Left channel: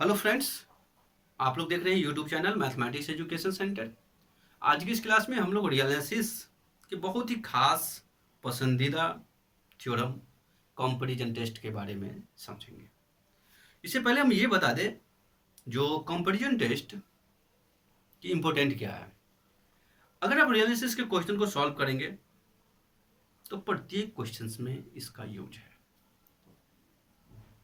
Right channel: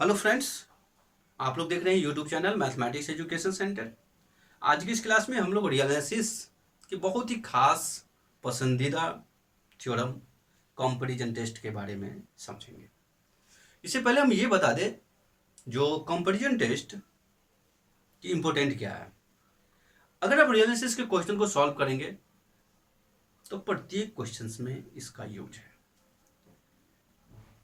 Hello friends, आप लोग देख रहे हैं YouTube channel mathematics education centre. आज की इस क्लास में हम लोग रियलिसिस के बहुत ही खास पसंदीदा थ्योरम कंपैरिजन टेस्ट के बारे में समझेंगे। इससे पहले हम ये बता दें जो कंपैरिजन टेस्ट की इम्पोर्टेंट क्या है। अगर आप रियलिसिस के क्वेश्चन को सॉल्व करेंगे तो प्रत्येक क्वेश्चन में इसका यूज है।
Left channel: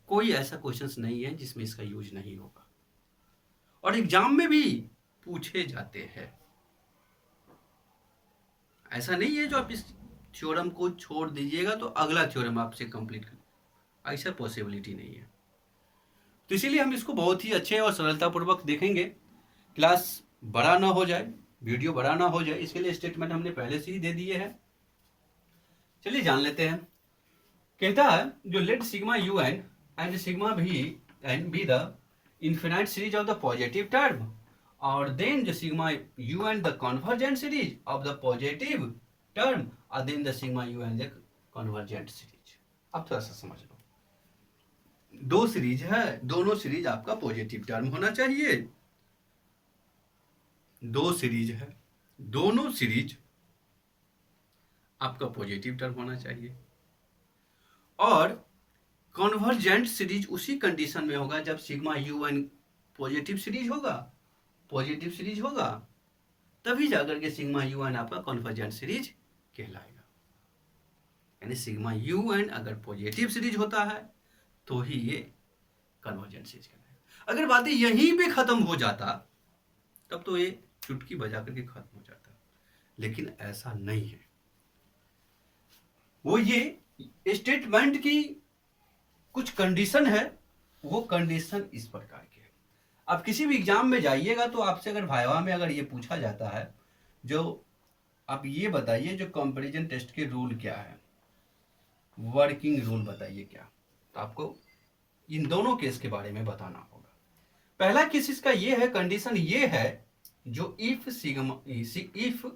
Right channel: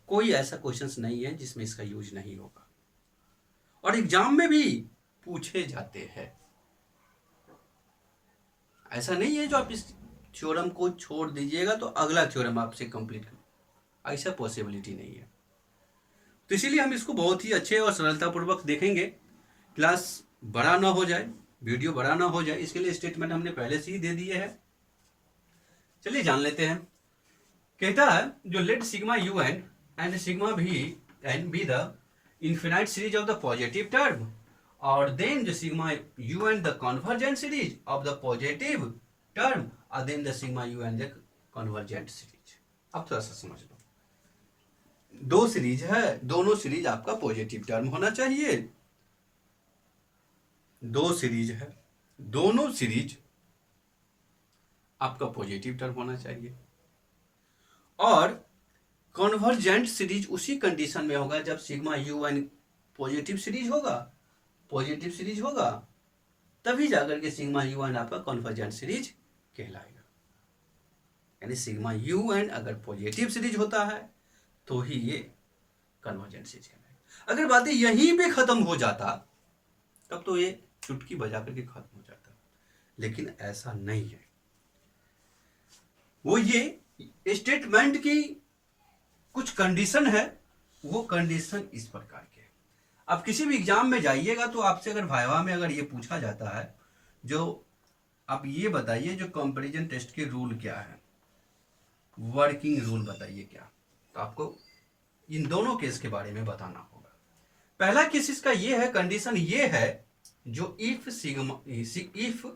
कोई ऐसा क्वेश्चन नहीं है जिसमें इसका यूज नहीं होगा और एग्जाम में भी पूछे जाते हैं। ऐसा नहीं है जो आप इस थ्योरम को छोड़ दीजिएगा तो अगला थ्योरम आपसे कंप्लीट कर, ऐसा पॉसिबिलिटी नहीं है। तो इसीलिए हम इसको बहुत ही अच्छे और सरलतापूर्वक देखेंगे। क्लास बड़ा ना हो जाए, वीडियो बड़ा ना हो जाए, इसके लिए स्टेटमेंट हमने पहले से ही दे दिए है। चलिए जान लेते हैं। कहता है जो let sigma u n and sigma v n be the infinite series of the positive term or then the sigma u and the convergent series of the positive term or then the sigma u and the convergent series। अब थोड़ा सा समझ लो, दो series है, दोनों series आपका positive term होना चाहिए। दो सीरीज है, दोनों सीरीज आपका पॉजिटिव टर्म होना चाहिए और कन्वर्जेंट सीरीज उसी कंडीशन में होगा जब sigma u n positive series होगा तभी जाकर के सिग्मा यू एन आपका कन्वर्जेंट सीरीज कहलाएगा। यानी सिग्मा यू एन अगर पॉजिटिव सीरीज होता है तो ही ये कन्वर्जेंट सीरीज कहलाएगा। अगर बातें यहीं पे खत्म हो जाता तब तो ये चुटकी बजा करके खत्म हो जाता, लेकिन ऐसा नहीं है। वो ये स्टेटमेंट की कुछ कंडीशन है, वो कंडीशन इस प्रकार के है। आप किसी भी एग्जाम में जाइएगा तो आपसे अगर वाइवा में अगर ये पूछा जाता है जो आप ये बताइए जो कंपैरिजन टेस्ट के रूल क्या है, वर्किंग रूल बताइए क्या, तो आपको इन दोनों केस के बारे में बताना होगा। पहला केस इसका ये है, कंडीशन ये है जो if sigma if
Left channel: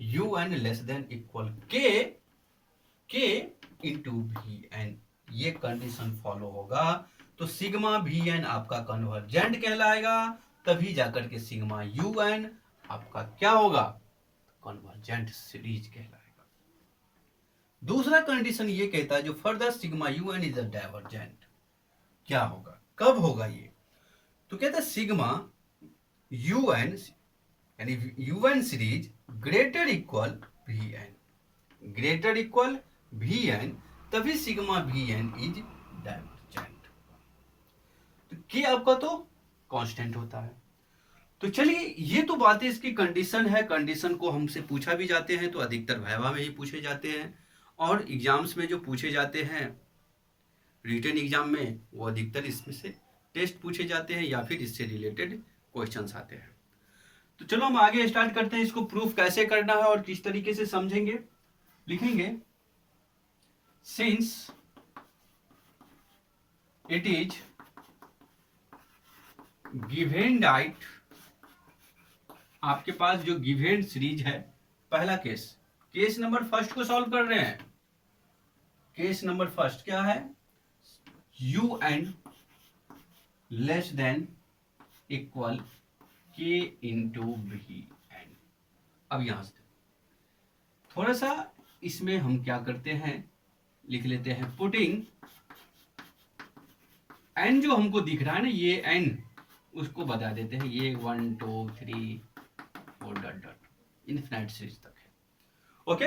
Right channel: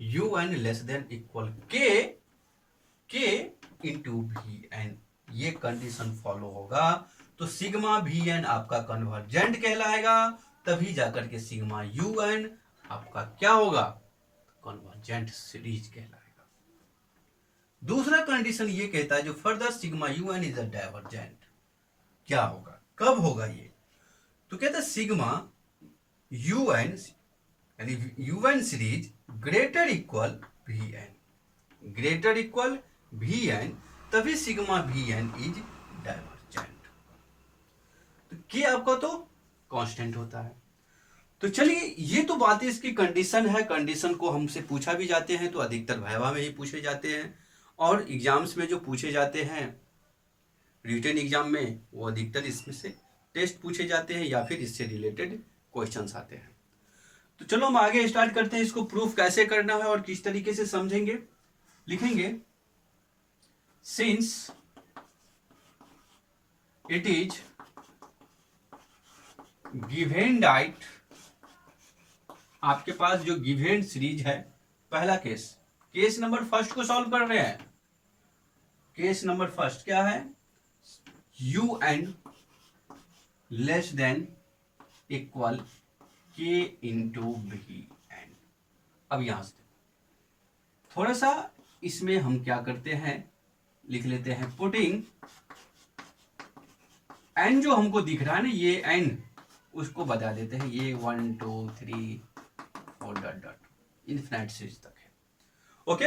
u n less than equal k into v n, ये कंडीशन फॉलो होगा तो सिग्मा वी एन आपका कन्वर्जेंट कहलाएगा, तभी जाकर के सिग्मा यू एन आपका क्या होगा, कन्वर्जेंट सीरीज कहलाएगा। दूसरा कंडीशन ये कहता है जो further sigma u n is a divergent, क्या होगा, कब होगा ये, तो कहता है सिग्मा यू एन यानी u n series greater equal v n, greater equal v n, तभी sigma v n is divergent. तो के आपका तो कांस्टेंट होता है। तो चलिए ये तो बातें इसकी कंडीशन है, कंडीशन को हमसे पूछा भी जाते हैं तो अधिकतर वाइवा में ही पूछे जाते हैं और एग्जाम्स में जो पूछे जाते हैं रिटन एग्जाम में वो अधिकतर इसमें से टेस्ट पूछे जाते हैं या फिर इससे रिलेटेड क्वेश्चंस आते हैं। तो चलो हम आगे स्टार्ट करते हैं, इसको प्रूफ कैसे करना है और किस तरीके से समझेंगे। लिखेंगे since it is given diet, आपके पास जो गिवेन सीरीज है, पहला केस नंबर फर्स्ट को सॉल्व कर रहे हैं। केस नंबर फर्स्ट क्या है, u n less than equal k into v n. अब यहां से थोड़ा सा इसमें हम क्या करते हैं, लिख लेते हैं पुटिंग एन जो हमको दिख रहा है ना, ये एन उसको बता देते हैं, ये 1 2 3 4 डॉट डॉट इनफिनिट सीरीज तक है। ओके,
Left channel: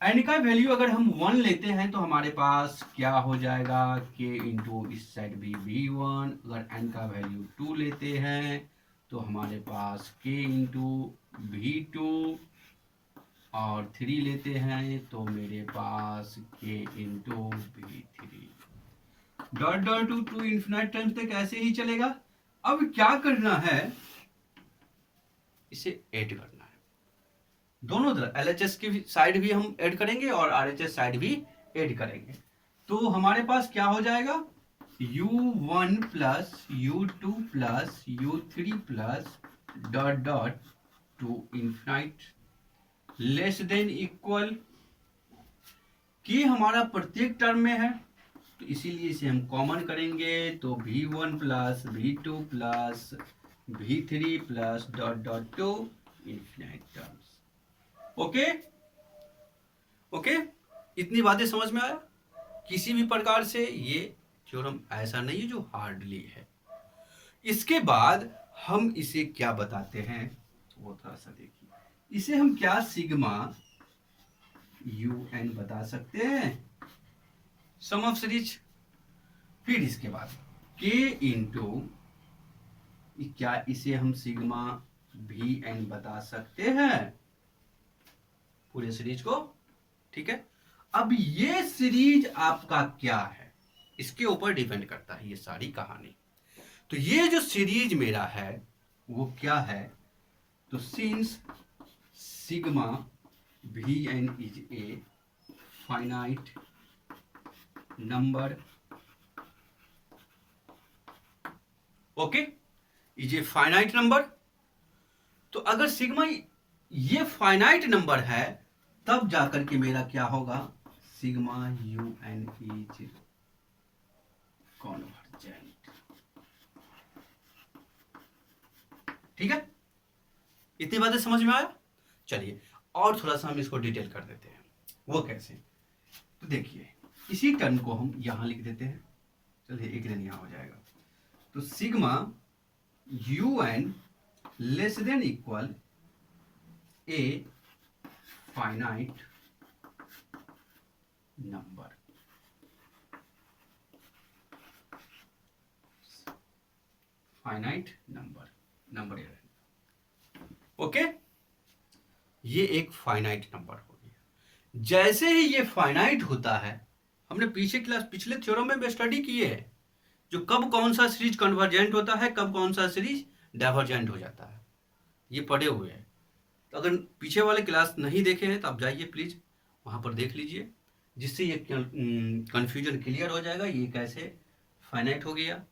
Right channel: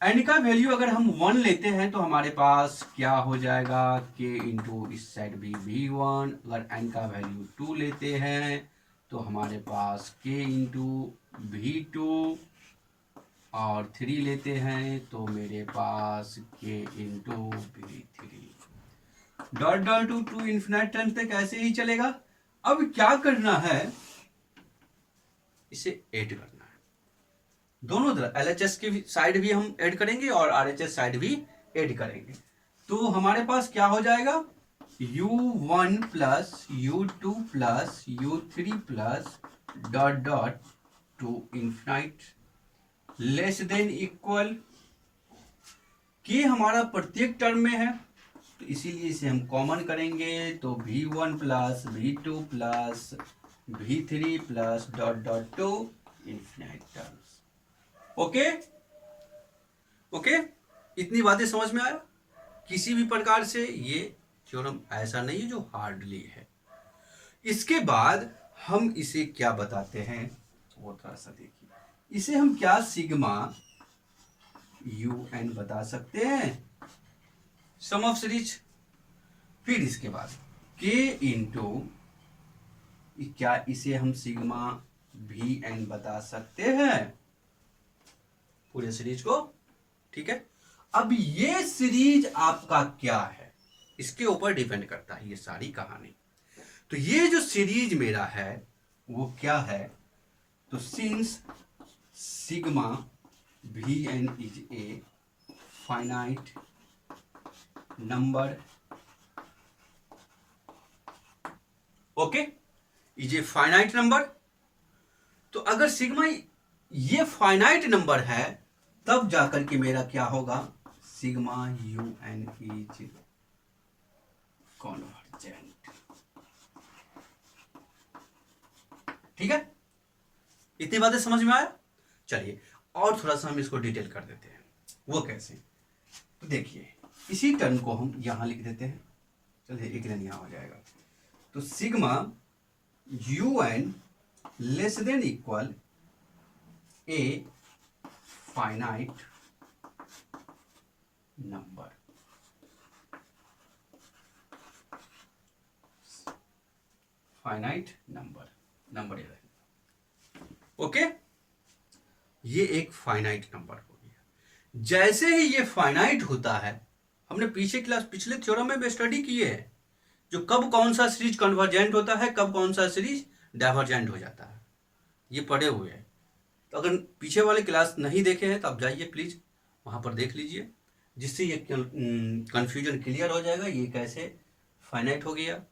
एन का वैल्यू अगर हम 1 लेते हैं तो हमारे पास क्या हो जाएगा, के इंटू इस साइड भी v1। अगर एन का वैल्यू 2 लेते हैं तो हमारे पास के इंटू v2 और 3 लेते हैं तो मेरे पास के into v3 dot dot to infinite times तक ऐसे ही चलेगा। अब क्या करना है, इसे ऐड करना है, दोनों तरफ एलएचएस की साइड भी हम ऐड करेंगे और आरएचएस साइड भी ऐड करेंगे। तो हमारे पास क्या हो जाएगा, u1 plus u2 plus u3 plus dot dot to infinite less than equal, के हमारा प्रत्येक टर्म में है तो इसीलिए इसे हम कॉमन करेंगे, तो V1 plus V2 plus V3 plus dot dot to infinite terms. Okay okay, इतनी बातें समझ में आया? किसी भी प्रकार से ये थ्योरम ऐसा नहीं है जो हार्डली है। इसके बाद हम इसे क्या बताते हैं वो थोड़ा सा देखिए। इसे हम क्या सिग्मा UN बता सकते हैं, सम ऑफ सीरीज। फिर इसके बाद K इंटू, क्या इसे हम सिग्मा VN बता सकते हैं पूरे सीरीज को। ठीक है, अब ये सीरीज आपका क्या है इसके ऊपर डिपेंड करता है ये सारी कहानी। तो ये जो सीरीज मेरा है वो क्या है, तो since sigma VN is a finite number, okay, is a finite number. तो अगर सिग्मा ये फाइनाइट नंबर है तब जाकर के मेरा क्या होगा, सिग्मा UN इज कॉन्वर्जेंट। ठीक है, इतनी बातें समझ में आया? चलिए और थोड़ा सा हम इसको डिटेल कर देते हैं, वो कैसे। तो देखिए इसी टर्म को हम यहां लिख देते हैं, चलिए एक लाइन यहां हो जाएगा। तो sigma UN less than equal a finite number, finite number, number 11। Okay, ये एक फाइनाइट नंबर हो गया। जैसे ही ये फाइनाइट होता है, हमने पिछले थ्योरम में स्टडी किए है, जो कब कौन सा सीरीज कन्वर्जेंट होता है, कब कौन सा सीरीज डाइवर्जेंट हो जाता है, ये पढ़े हुए हैं। तो अगर पीछे वाले क्लास नहीं देखे हैं तो आप जाइए प्लीज वहां पर देख लीजिए, जिससे ये कंफ्यूजन क्लियर हो जाएगा, ये कैसे फाइनाइट हो गया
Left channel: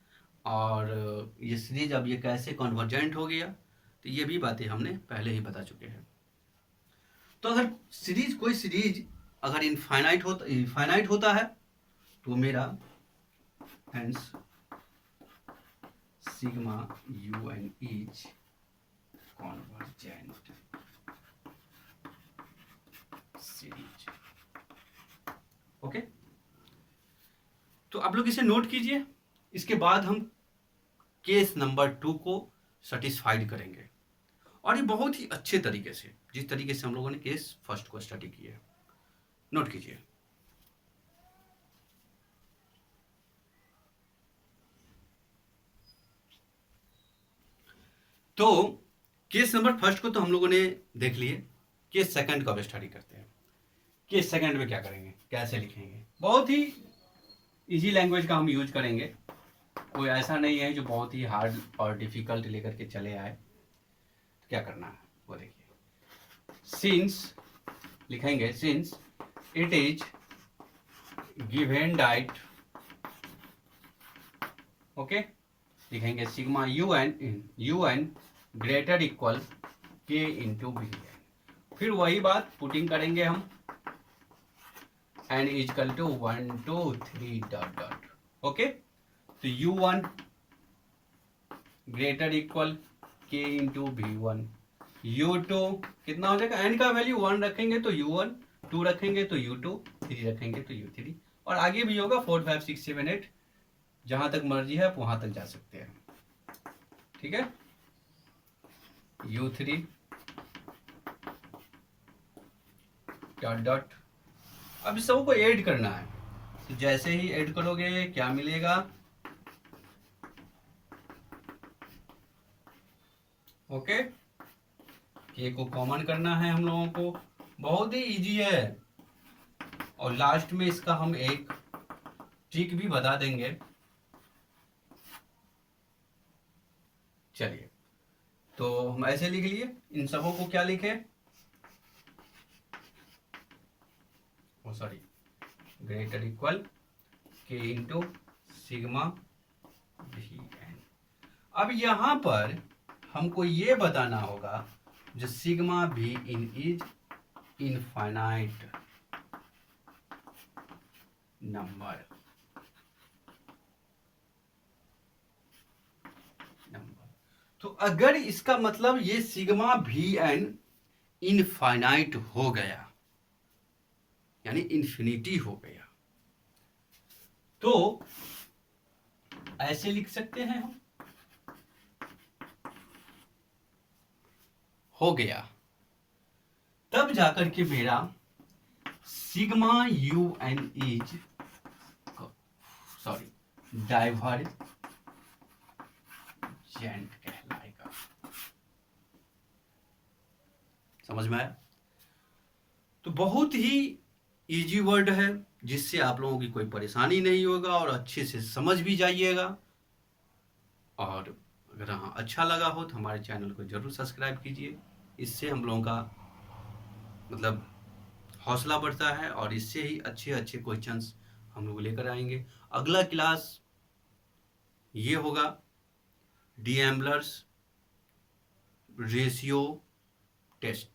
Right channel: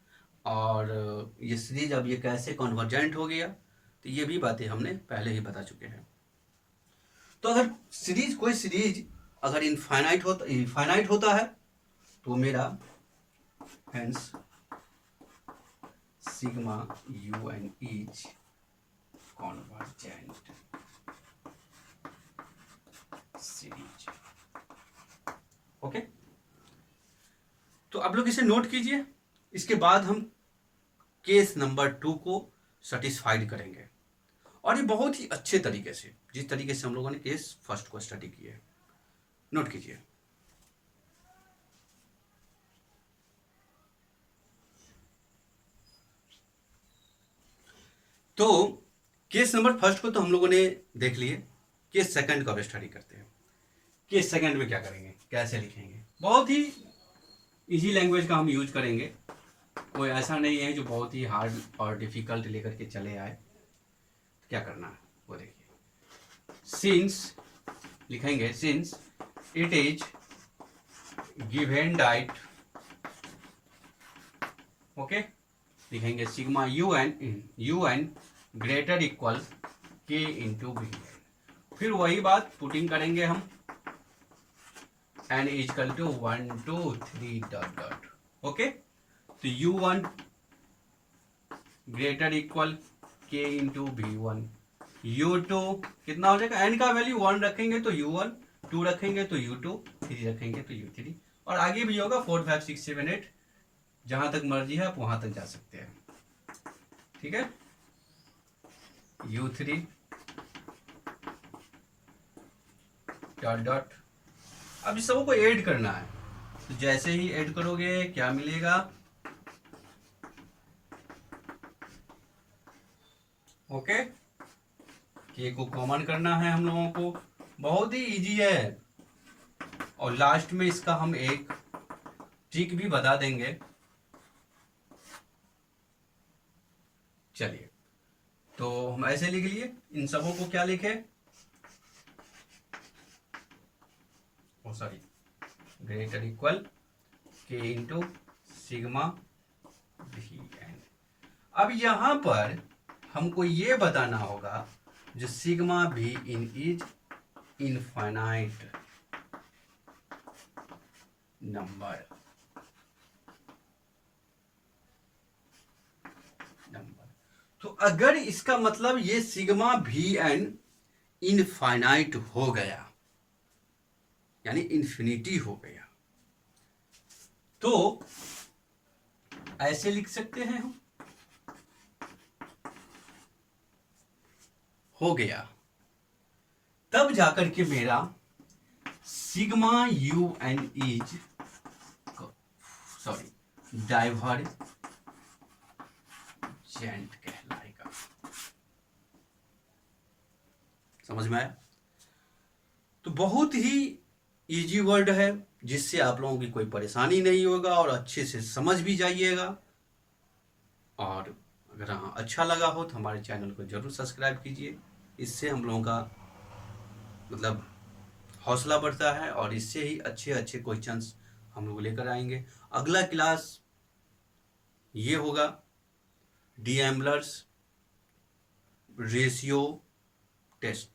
और ये सीरीज अब ये कैसे कन्वर्जेंट हो गया। तो ये भी बातें हमने पहले ही बता चुके हैं। तो अगर कोई सीरीज अगर इनफाइनाइट होता है तो मेरा hence sigma UN is convergent series. Okay, तो आप लोग इसे नोट कीजिए। इसके बाद हम केस नंबर 2 को सेटिस्फाइड करेंगे, और ये बहुत ही अच्छे तरीके से, जिस तरीके से हम लोगों ने केस फर्स्ट को स्टडी किया है, नोट कीजिए। तो केस नंबर फर्स्ट को तो हम लोगों ने देख लिए, केस सेकंड को अब स्टडी करते हैं। केस सेकंड में क्या करेंगे, कैसे लिखेंगे, बहुत ही इजी लैंग्वेज का हम यूज करेंगे, कोई ऐसा नहीं है जो बहुत ही हार्ड और डिफिकल्ट लेकर के चले आए। तो क्या करना है वो देखिए। सिंस लिखेंगे, since it is given that, okay, लिखेंगे sigma UN greater equal K into VN। फिर वही बात पुटिंग करेंगे हम, n is equal to 1 2 3 dot dot, okay. तो U1 greater equal K into V1, U2 कितना हो जाएगा, n का वैल्यू 1 रखेंगे तो U1, 2 रखेंगे तो U2, 3 रखेंगे तो U3, और आगे भी होगा 4 5 6 7 8, जहां तक मर्जी है आप वहां तक जा सकते हैं। ठीक है, U3 डॉट डॉट। अब इस सबको ऐड करना है, तो जैसे ही ऐड करोगे क्या मिलेगा, ओके, के को कॉमन करना है हम लोगों को, बहुत ही इजी है। और लास्ट में इसका हम एक ट्रिक भी बता देंगे। चलिए, तो हम ऐसे लिख लिए, इन सबों को क्या लिखे, sorry, greater equal K into sigma VN। अब यहां पर हमको ये बताना होगा जो sigma VN is infinite number, तो अगर इसका मतलब ये सिग्मा वी एन इनफाइनाइट हो गया, यानी इन्फिनिटी हो गया, तो ऐसे लिख सकते हैं हम, हो गया, तब जाकर के मेरा sigma u n is divergent कहलाएगा। समझ में आया? तो बहुत ही इजी वर्ड है, जिससे आप लोगों की कोई परेशानी नहीं होगा और अच्छे से समझ भी जाइएगा। और अगर हाँ अच्छा लगा हो तो हमारे चैनल को जरूर सब्सक्राइब कीजिए, इससे हम लोगों का मतलब हौसला बढ़ता है और इससे ही अच्छे अच्छे क्वेश्चंस हम लोग लेकर आएंगे। अगला क्लास ये होगा डीएम्बलर्स रेशियो टेस्ट,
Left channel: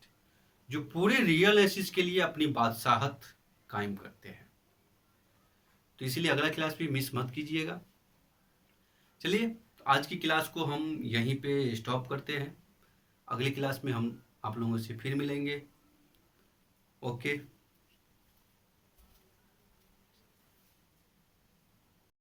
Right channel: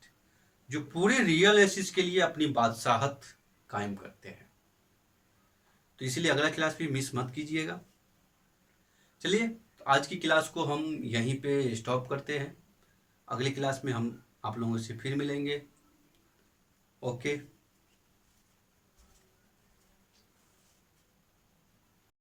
जो पूरे रियल एसिस के लिए अपनी बादशाहत कायम करते हैं। तो इसलिए अगला क्लास भी मिस मत कीजिएगा। चलिए, तो आज की क्लास को हम यहीं पे स्टॉप करते हैं। अगली क्लास में हम आप लोगों से फिर मिलेंगे। ओके।